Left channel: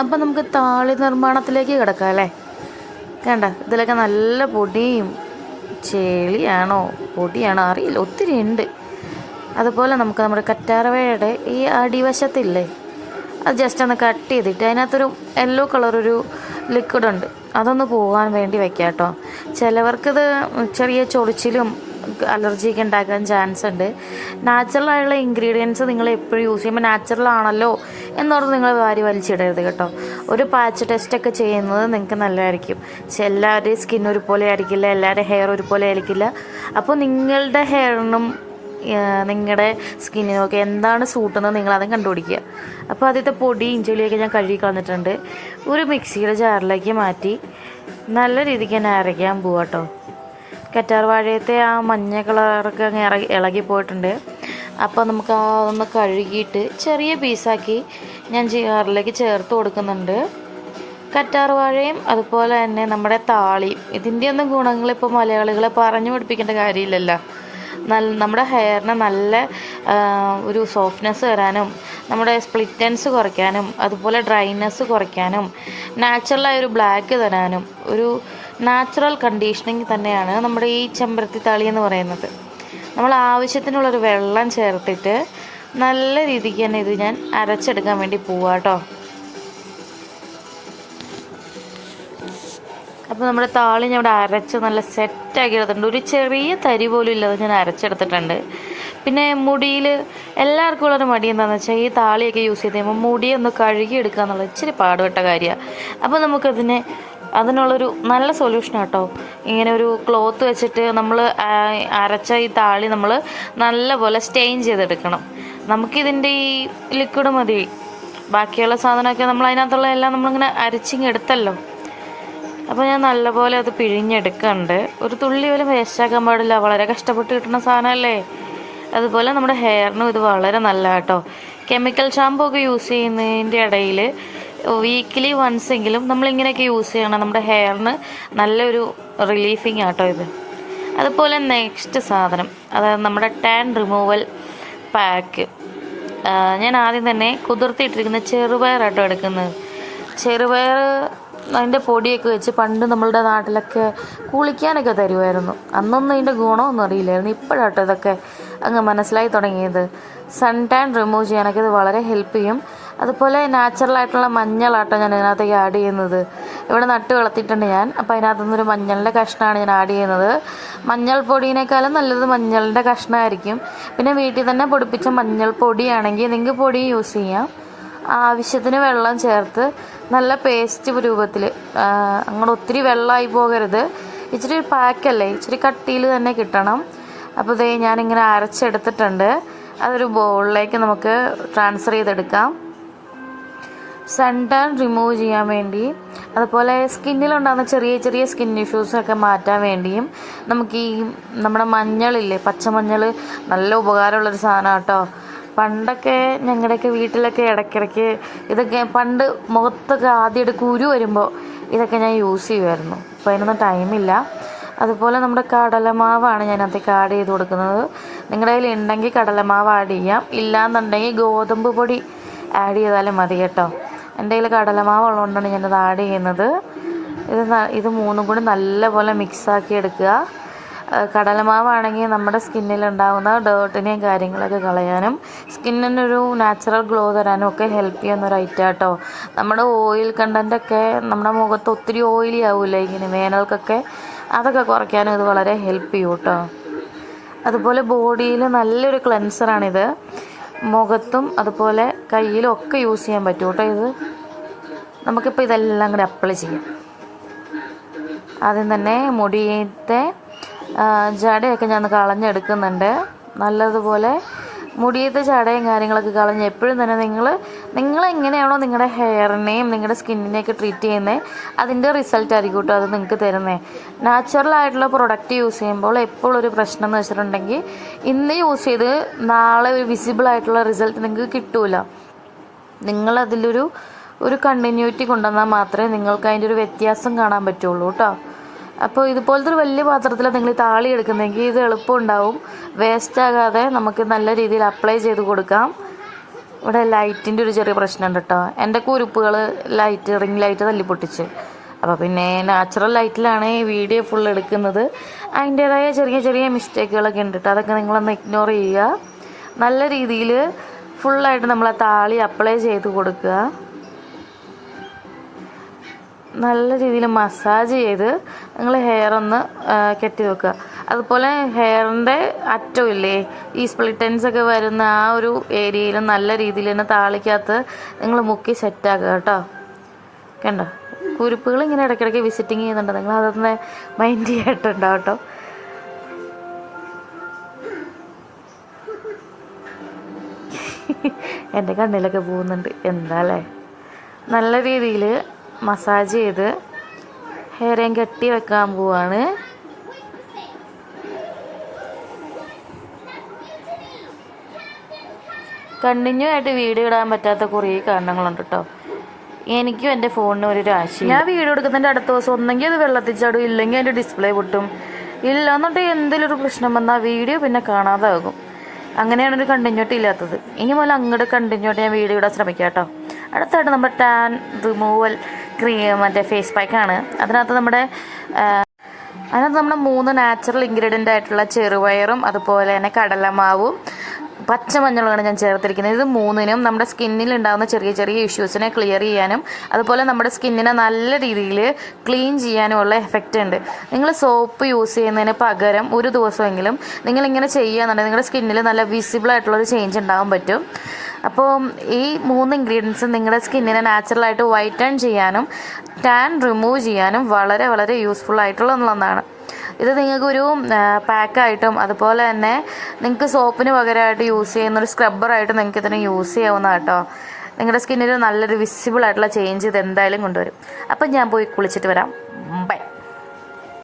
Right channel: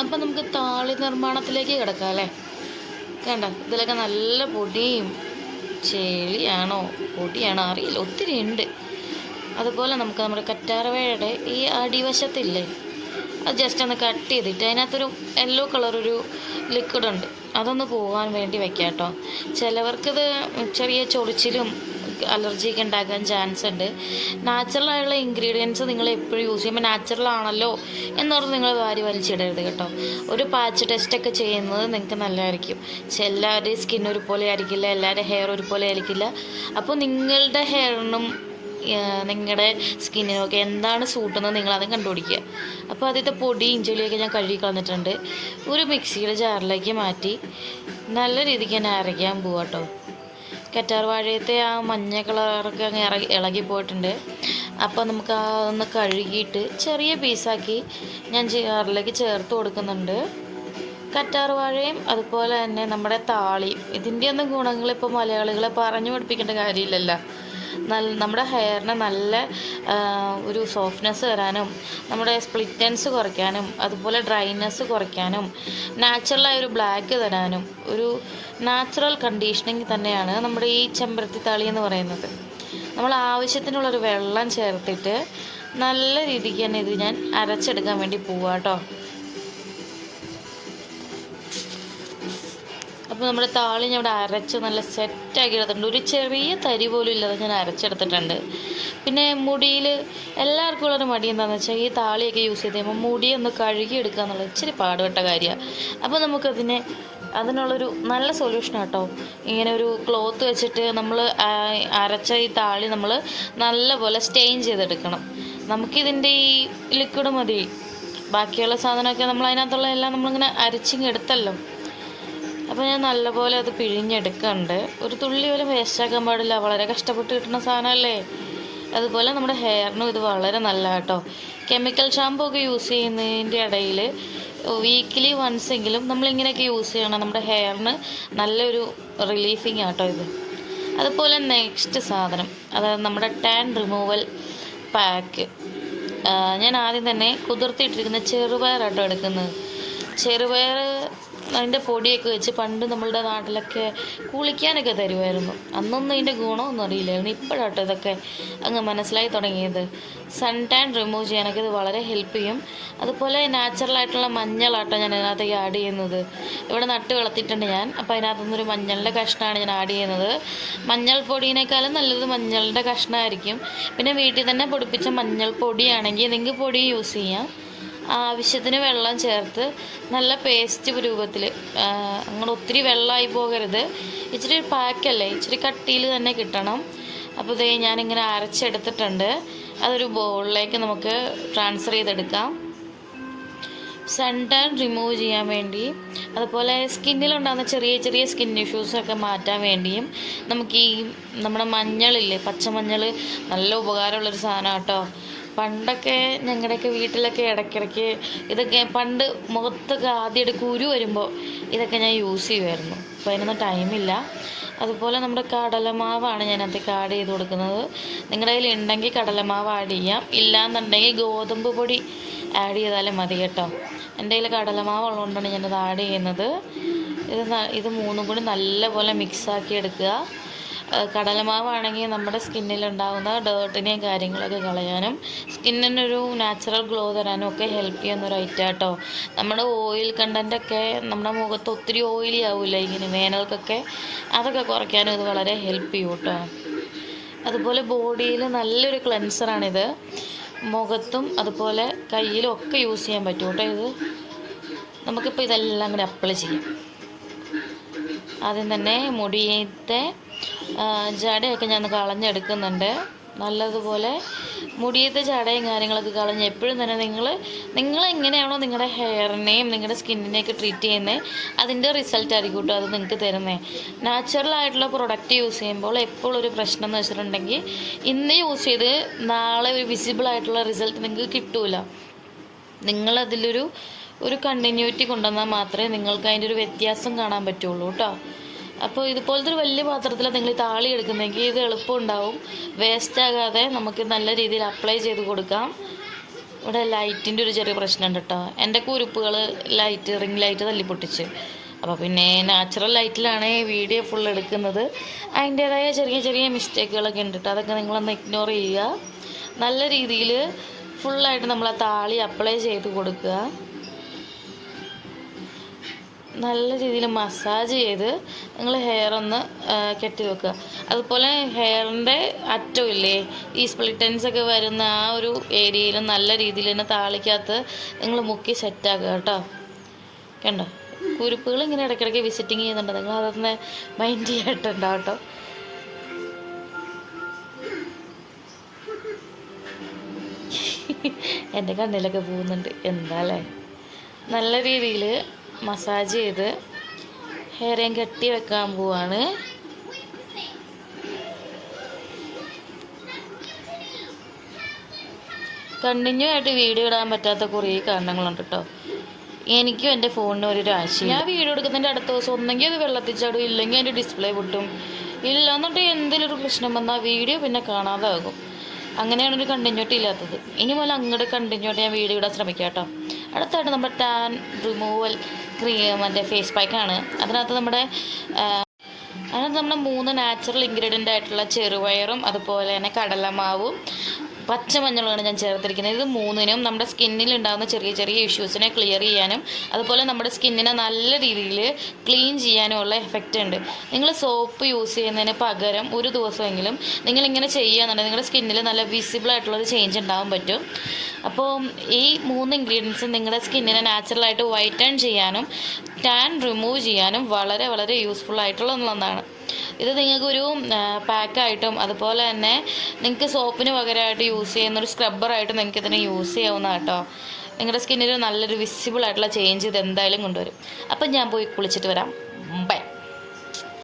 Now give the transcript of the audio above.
അപ്പം നമുക്ക് താളി നിർമ്മാണത്തിലേക്ക് കിടക്കാം അല്ലേ. കണ്ട ഇതിലൊക്കെ നല്ല പൊടിയും ചെളിയാണോ പൊടിയാണോ അറിയില്ല, ഒത്തിരി ഉണ്ട്. അതുപോലെ നമുക്ക് നമ്മുടെ കറ്റാർവാഴയുടെ ഈ അടിവശത്തില്ലേ, അത് ജസ്റ്റ് ഒന്ന് കട്ട് ചെയ്തിട്ട് അതിനകത്തൊരു യെല്ലോ കളറൊരു ലിക്വിഡുണ്ട്, അതൊന്ന് പോകാൻ വേണ്ടി വെക്കാം കേട്ടോ. ചിലവർക്കിത് ചെറിയ ചൊറിച്ചിലും അലർജിയൊക്കെ ഉണ്ടാക്കാൻ ചാൻസ് ഉണ്ട്. നാച്ചുറലായുള്ള ഇൻഗ്രീഡിയൻസ് നിങ്ങൾ എപ്പോഴും യൂസ് ചെയ്യുമ്പോൾ നാച്ചുറൽ ആണല്ലോ എന്നോർത്ത് നിങ്ങൾ വാരി വലിച്ചിടരുത് കേട്ടോ. ഒരു പാച്ച് ടെസ്റ്റൊക്കെ ചെയ്യുന്നത് നിങ്ങൾക്ക് നല്ലതായിരിക്കും. എല്ലാവരുടെയും സ്കിൻ ഒരുപോലെ ആയിരിക്കില്ല, എല്ലാവരുടെയും ഹെയർ ഒരുപോലെ ആയിരിക്കില്ല. അപ്പോൾ നിങ്ങളുടെ ഹെയറിനും നിങ്ങളുടെ സ്കിന്നിനൊക്കെ എന്താണ് സൂട്ടുന്നത് നിങ്ങളതും കണ്ടുപിടിക്കുക. അപ്പോൾ ആദ്യത്തെ പൊടിയും ചെളിയൊക്കെ ഞാൻ കഴുകി കളഞ്ഞിട്ടുണ്ട്. ഒരു മിക്സിയുടെ ജാറിലേക്ക് മാറ്റി നല്ല രീതിക്ക് തന്നെ അരയ്ക്കാൻ പോവാം കേട്ടോ. കറ്റാർവാഴയത്തെ ആ മഞ്ഞ കളറൊക്കെ അങ്ങ് ഇളകിപ്പോയിട്ടുണ്ട്. അപ്പോൾ നമുക്ക് അതൊന്ന് കഴുകിയിട്ട് ചെറിയ പീസാക്കി ഞാൻ ജാറിലേക്ക് ചേർത്ത് കൊടുക്കുന്നുണ്ട്. കറ്റാർവാഴയും അതുപോലെ തന്നെ നമ്മുടെ താളിയും, ഇതിൻ്റെ ഒന്നും ഗുണങ്ങളിപ്പോൾ മലയാളികളെ പറഞ്ഞു പഠിപ്പിക്കേണ്ട കാര്യമില്ലല്ലോ. നമ്മുടെ ഹെയറിന് നല്ല ഒരു സോഫ്റ്റ്നെസ് തരാനും നമ്മുടെ സ്പ്ലിറ്റൻസ് കുറയ്ക്കാനും അതുപോലെ ഡ്രൈനെസ് കുറയ്ക്കാനും നാച്ചുറലായൊരു ബ്ലാക്ക് തരാനും ഒരു നാച്ചുറൽ കണ്ടീഷനിങ് തന്നെയാണ് നമ്മുടെ ഈ ചെമ്പരത്തി താളി എന്ന് പറയുന്നത്. നമ്മൾ ആവശ്യത്തിനുള്ളൊരു വെള്ളം ചേർത്തിട്ട് നല്ല രീതിക്ക് തന്നെ ഇത് ഞാൻ അരച്ചെടുക്കാൻ വേണ്ടി പോവാം കേട്ടോ. അപ്പോൾ നമ്മുടെ താളി ഞാൻ ഇവിടെ അരച്ച് നല്ല സെറ്റാക്കി എടുത്തിട്ടുണ്ട്. ഒരു ചെറിയ തരി പോലും ഇല്ലാതെ ഞാൻ അരച്ചെടുത്തിട്ടുണ്ട്. പിന്നെ മുടിയിൽ എല്ലാവർക്കും ഉള്ളൊരു മടി എന്താണെന്ന് വെച്ചാൽ ഈ താളിയൊക്കെ യൂസ് ചെയ്ത് കഴിയുമ്പോൾ മുടിയൊന്ന് കഴുകിയെടുക്കുക എന്നുള്ളത് ഇച്ചിരി പാടുപെട്ട കാര്യമാണ്. അപ്പോൾ അതിനുള്ളൊരു നല്ല സൊല്യൂഷൻ കേട്ടോ. ഇങ്ങനെ ഒരു ക്ലോത്ത് വെച്ചിട്ട് നമ്മൾ അരച്ച ഈ താളി നമ്മൾ നല്ലപോലെ സ്റ്റെയിൻ ചെയ്തെടുക്കണം. നമുക്കിതിൻ്റെ ഈ ലിക്വിഡ് മതി, ബാക്കിയുള്ള സാധനമൊക്കെ നമ്മൾ അതിനകത്തുള്ള എല്ലാം നമ്മളിങ്ങനെ അരച്ചിങ്ങെടുത്തല്ലോ. അപ്പോൾ ഞാൻ നല്ലപോലെ അത് പിഴിഞ്ഞെടുക്കുന്നുണ്ട്. ഒരു തുള്ളി പോലും വേസ്റ്റാക്കാൻ പാടില്ല, വളരെ കഷ്ടപ്പെട്ട് കിട്ടുന്ന സാധനമല്ലേ. അതുപോലെ നമ്മുടെ ഹെയറിനും ഇത് വളരെ നല്ല കേട്ടോ. കെമിക്കൽ ഷാമ്പൂ ഒക്കെ യൂസ് ചെയ്യുന്നതിൻ്റെ ഇടയിൽ വീക്കിലി വൺസ് എങ്കിലും നമ്മളിങ്ങനെയൊക്കെ യൂസ് ചെയ്യണം. നമ്മുടെ ഹെയറിന് നല്ലൊരു റിലീഫിങ് ആട്ടോ ഇത്. അതുപോലെ നെക്സ്റ്റ് സാധനം, അതായത് നമ്മുടെ ടാൻ റിമൂവൽ പാക്ക്. ഞാൻ ആദ്യം തന്നെ കുതിർത്തിയിട്ടിരിക്കുന്ന ചെറുപയറാട്ടോ എടുക്കുന്നത്. ചെറുപയർ അതിൻ്റെ പൊടിയൊക്കെ വെച്ച് പണ്ട് നമ്മളുടെ നാട്ടിലൊക്കെ കുളിക്കാനൊക്കെ തരുമായിരുന്നു. അന്നൊന്നും അതിൻ്റെ ഗുണമൊന്നും അറിയില്ലായിരുന്നു. ഇപ്പോഴാട്ടോ ഇതൊക്കെ അങ്ങ് മനസ്സിലായി തുടങ്ങിയത്. സൺ ടാൻ റിമൂവ് ചെയ്യാനൊക്കെ ഇത് വളരെ ഹെൽപ്പ് ചെയ്യും. അതുപോലെ നാച്ചുറലായിട്ടുള്ള മഞ്ഞളാട്ടോ ഞാൻ ഇതിനകത്തേക്ക് ആഡ് ചെയ്യുന്നത്. ഇവിടെ നട്ട് വളർത്തിയിട്ടുണ്ട് ഞാൻ. അപ്പോൾ അതിനകത്തുനിന്നൊരു മഞ്ഞളിൻ്റെ കഷ്ണമാണ് ഞാൻ ആഡ് ചെയ്യുന്നത്. മഞ്ഞൾ പൊടിയേക്കാളും നല്ലത് മഞ്ഞളിൻ്റെ കഷ്ണമായിരിക്കും. പിന്നെ വീട്ടിൽ തന്നെ പൊടിപ്പിച്ച മഞ്ഞൾ പൊടിയാണെങ്കിൽ നിങ്ങൾക്ക് പൊടി യൂസ് ചെയ്യാം. ആവശ്യത്തിന് വെള്ളം ചേർത്ത് നല്ല പേസ്റ്റ് രൂപത്തിൽ, അങ്ങനെ ഒത്തിരി വെള്ളമായി പോകരുത്. ഇച്ചിരി പാക്കല്ലേ, ഇച്ചിരി കട്ടിയിൽ തന്നെ കിട്ടണം. അപ്പോൾ ഇതേ ഞാനിങ്ങനെ അരച്ചെടുത്തിട്ടുണ്ട്. അതൊരു ബൗളിലേക്ക് നമുക്ക് ട്രാൻസ്ഫർ ചെയ്തെടുക്കാം. സൺ ടാൻ റിമൂവ് ചെയ്യാൻ വേണ്ടി, അതുപോലെ സ്കിന്നിലുണ്ടാകുന്ന ചെറിയ ചെറിയ സ്കിൻ ഇഷ്യൂസൊക്കെ മാറ്റാൻ വേണ്ടിയും നമുക്ക് ഈ നമ്മുടെ മഞ്ഞളില്ലേ, പച്ചമഞ്ഞൾ, നല്ല ഉപകാരമുള്ളൊരു സാധനം കേട്ടോ. പണ്ടൊക്കെ ഞങ്ങളുടെയൊക്കെ വീട്ടിലൊക്കെ ഇടയ്ക്കിടയ്ക്ക് ഇതൊക്കെ പണ്ട് മുഖത്തൊക്കെ ആദ്യമായിട്ട് കുരു വരുമ്പോൾ ഇതൊക്കെ ഞാൻ യൂസ് ചെയ്യുമായിരുന്നു. അപ്പോൾ അതിനൊന്നും ടൈമില്ല. അതുപോലെ നമ്മുടെ കടലമാവാണ് ഞാൻ അതിലേക്ക് ആഡ് ചെയ്ത് കൊടുക്കുന്നത്. നിങ്ങളുടെ കയ്യിൽ ഉണ്ടെങ്കിൽ കടലമാവ് ആഡ് ചെയ്യാം, ഇല്ലയെന്നുണ്ടെങ്കിൽ ഗോതമ്പ് പൊടി ആഡ് ചെയ്താലും മതി കേട്ടോ. എൻ്റെ കയ്യിൽ കടലമാവ് ഉള്ളതുകൊണ്ടാണ് ഞാനത് ആഡ് ചെയ്യുന്നത്. ഇത് മൂന്നും കൂടി നല്ലപോലെ മിക്സാക്കി എടുക്കുക. കടലമാവാണെങ്കിൽ നമ്മുടെ സ്കിന്നിലുണ്ടാകുന്ന ഡേർട്ടിനെയും കാര്യങ്ങളൊക്കെ കളയാനും സ്കിന്നിനൊരു നാച്ചുറൽ ഗ്ലോ തരാനും ഒക്കെ ഹെൽപ്പ് ചെയ്യുന്നൊരു ഐറ്റം കേട്ടോ. നമ്മുടെ ഓയിൽ കണ്ടൻറ്റൊക്കെ നമ്മുടെ മുഖത്ത് ഒത്തിരി ഓയിലി ആവില്ല ഇങ്ങനെ വേനൽക്കൊക്കെ, അതൊക്കെ കുറയ്ക്കാനും ഇത് വളരെ ഹെൽപ്പ് ചെയ്യും കേട്ടോ. അതുപോലെ ബോഡിയിൽ നല്ലൊരു ക്ലെൻസറാണിത്. മുഖത്തും അതുപോലെ കയ്യിലും ഒക്കെ യൂസ് ചെയ്യാൻ പറ്റും കേട്ടോ. ഇത് നമുക്കിപ്പോൾ ഇതെല്ലാം കൂടി അപ്ലൈ ചെയ്യാം. ആദ്യം തന്നെ മുടിയത്തെ ജടയൊക്കെ ഞാൻ കളഞ്ഞെടുക്കുന്നുണ്ട്. നല്ലതുപോലെ മുടിയത്തെ ജടയും കാര്യങ്ങളൊക്കെ കളഞ്ഞ് എപ്പോഴും തന്നെ നിങ്ങൾ എങ്ങനെയാണോ നിങ്ങളുടെ ഹെയറിനെയും നിങ്ങളുടെ സ്കിന്നിനെയൊക്കെ ട്രീറ്റ് ചെയ്യുന്നത് അതിൻ്റെ റിസൾട്ട് ആയിരിക്കും കേട്ടോ അത് നിങ്ങൾക്ക് തരുന്നത്. നാച്ചുറലായിട്ടുള്ള പ്രൊഡക്റ്റ് യൂസ് ചെയ്യുമ്പോൾ എപ്പോഴും ഒരു പ്രശ്നം എന്ന് വെച്ചിട്ടുണ്ടെങ്കിൽ ഇന്ന് യൂസ് ചെയ്ത് നാളെ ഒരു വിസിബിളായിട്ടുള്ള റിസൾട്ട് നിങ്ങൾക്ക് കിട്ടില്ല. നിങ്ങളതിലൊരു കണ്ടിന്യൂറ്റി കൊണ്ടുവന്നാൽ മാത്രമേ നിങ്ങൾക്ക് അതിൻ്റെ ഒരു വ്യത്യാസം കാണാൻ പറ്റുള്ളൂ കേട്ടോ. അപ്പോൾ ഇതുപോലത്തെ ഒരു വലിയ പാത്രത്തിൽ നിങ്ങൾ താളി എടുക്കുന്നെങ്കിൽ ഇത് എളുപ്പമുണ്ടാവും. വേസ്റ്റ് ആകാതെ നമുക്ക് നല്ല രീതിയിൽ അപ്ലൈ ചെയ്ത് കൊടുക്കാം. ഇവിടെ ലൈറ്റിൻ്റെ ഒരു ചെറിയ പ്രശ്നമുണ്ട് കേട്ടോ. എൻ്റെ കുരുപ്പുകൾ റിംഗ് ലൈറ്റ് തല്ലിപ്പൊട്ടിച്ച്. അപ്പോൾ പിന്നെ നാച്ചുറൽ ലൈറ്റിലാണ് വീഡിയോ ഫുൾ എടുക്കുന്നത്. അതിൻ്റേതായ ചെറിയ ചെറിയ മിസ്റ്റേക്കുകളൊക്കെ ഉണ്ട് കേട്ടോ. അതൊക്കെ നിങ്ങളൊന്ന് ഇഗ്നോർ ചെയ്യുക. നല്ല രീതിയിൽ ഫുള്ളായിട്ട് നമ്മൾ ആ താളി അപ്ലൈ ചെയ്ത് കൊടുക്കുക. നല്ല രീതിയിൽ മസാജ് ചെയ്ത് നിങ്ങൾ ഹെയർ ഒന്ന് കെട്ടി വെക്കുക. അതുപോലെ ഹെയറിൻ്റെ അറ്റമില്ലേ, ഈ സ്പ്ലിറ്റൻസ് ഒക്കെ വരുന്ന ആ ഒരു ഏരിയയിൽ നല്ല രീതിയിൽ തന്നെ താളിക്കകത്ത് നിങ്ങൾ മുക്കി സെറ്റാക്കുക കേട്ടോ. കണ്ടോ, കുരുപ്പുകൾ ഇങ്ങനെ ഇടയ്ക്കിടയ്ക്ക് വിസിറ്റിങ് ചെയ്യുന്നുണ്ട്. നിങ്ങൾ അതൊന്ന് മൈൻഡ് ചെയ്തിട്ടുണ്ടാവും കേട്ടോ. എൻ്റെ കണ്ണിലൊക്കെ പോകുന്നുണ്ട്. എന്താ അല്ലേ, നല്ല രീതിയിൽ മസാജ് ചെയ്ത് ഹെയറേം കെട്ടി വെക്കാൻ പോവാണ്. കണ്ടിന്യൂ ആയിട്ട് വീഡിയോ ഇടാൻ പറ്റാത്ത കുറേ കാരണങ്ങളുണ്ട് കേട്ടോ. എനിക്കും എൻ്റെ ഫോണിന് ഒരു രാശി. ഞാൻ വീഡിയോ എടുക്കുന്നതിൻ്റെ അടുത്ത ദിവസം ഒന്നെങ്കിൽ അത് വെള്ളത്തിൽ ചാടും, ഇല്ലെങ്കിൽ അതിൻ്റെ ഡിസ്പ്ലേ പൊട്ടും. ഇല്ല എന്നിട്ട് എന്തെങ്കിലും ഒരു പ്രശ്നം വന്നാൽ വീഡിയോ പിന്നെ കാണാതാകും. അങ്ങനെയാണ് ഒരു കണ്ടിന്യൂറ്റി ഇല്ലാത്തത്. ഇനി മുതൽ അങ്ങോട്ട് കണ്ടിന്യൂട്ടി ഞാൻ വീഡിയോ ഇടാൻ ശ്രമിക്കാം കേട്ടോ. അടുത്തായിട്ട് നമ്മുടെ ടാൻ റിമൂവൽ ക്രീം മറ്റേ ഫേസ് പാക്കാണ്. അതിനകത്ത് നമ്മുടെ 3 നാച്ചുറൽ ഇൻഗ്രീഡിയൻ്റ് ആയിട്ടുള്ള ചെറുപയറും അതുപോലെ തന്നെ കടലമാവും പച്ചമഞ്ഞളുമാണ് ഞാൻ ചേർത്തിരിക്കുന്നത്. ഇത് 3നും നമ്മുടെ സ്കിന്നിൽ ഉണ്ടാകുന്ന ചെറിയ ചെറിയ ഇഷ്യൂസിനെ ക്ലിയർ ചെയ്യാനും അതുപോലെ നമ്മുടെ സ്കിന്നിനെ നല്ല രീതിയിൽ ക്ലീൻ ചെയ്യാനുമുള്ള എഫക്റ്റ് ഉണ്ട്. നിങ്ങൾ സോപ്പ് യൂസ് ചെയ്യുന്നതിന് പകരം ഒരു ദിവസമെങ്കിലും നിങ്ങളിങ്ങനെ ചെയ്യുകയെന്നുണ്ടെങ്കിൽ നിങ്ങളുടെ സ്കിന്നിൽ നല്ല വിസിബിൾ ആയിട്ടുള്ളൊരു ചേഞ്ച് ഉണ്ടാകാൻ പറ്റും. അപ്പോൾ ഈ 3 ഇൻഗ്രീഡിയൻസ് നിങ്ങളുടെ സ്കിന്നിനെ നാച്ചുറലായിട്ട് വൈറ്റൺ ചെയ്യാനും ടാൻ റിമൂവ് ചെയ്യാനും വളരെ വളരെ യൂസ്ഫുൾ ആയിട്ടുള്ള ഒന്നാണ്. ഇത് നിങ്ങൾക്കൊരു പാക്കായിട്ടും അതുപോലെ തന്നെ നിങ്ങൾക്ക് സോപ്പിന് പകരമായിട്ട് യൂസ് ചെയ്യുന്നൊരു സ്ക്രബ്ബറായിട്ട് നിങ്ങൾക്ക് ഇതിനെ യൂസ് ചെയ്യാവുന്ന കേട്ടോ. നിങ്ങളുടെ സ്കിന്നിൽ നല്ലൊരു വിസിബിൾ ആയിട്ടുള്ള ചേഞ്ച് ഇത് എന്തായാലും കൊണ്ടുവരും. അപ്പം ഞാൻ പോയി കുളിച്ചിട്ട് വരാം. ബൈ.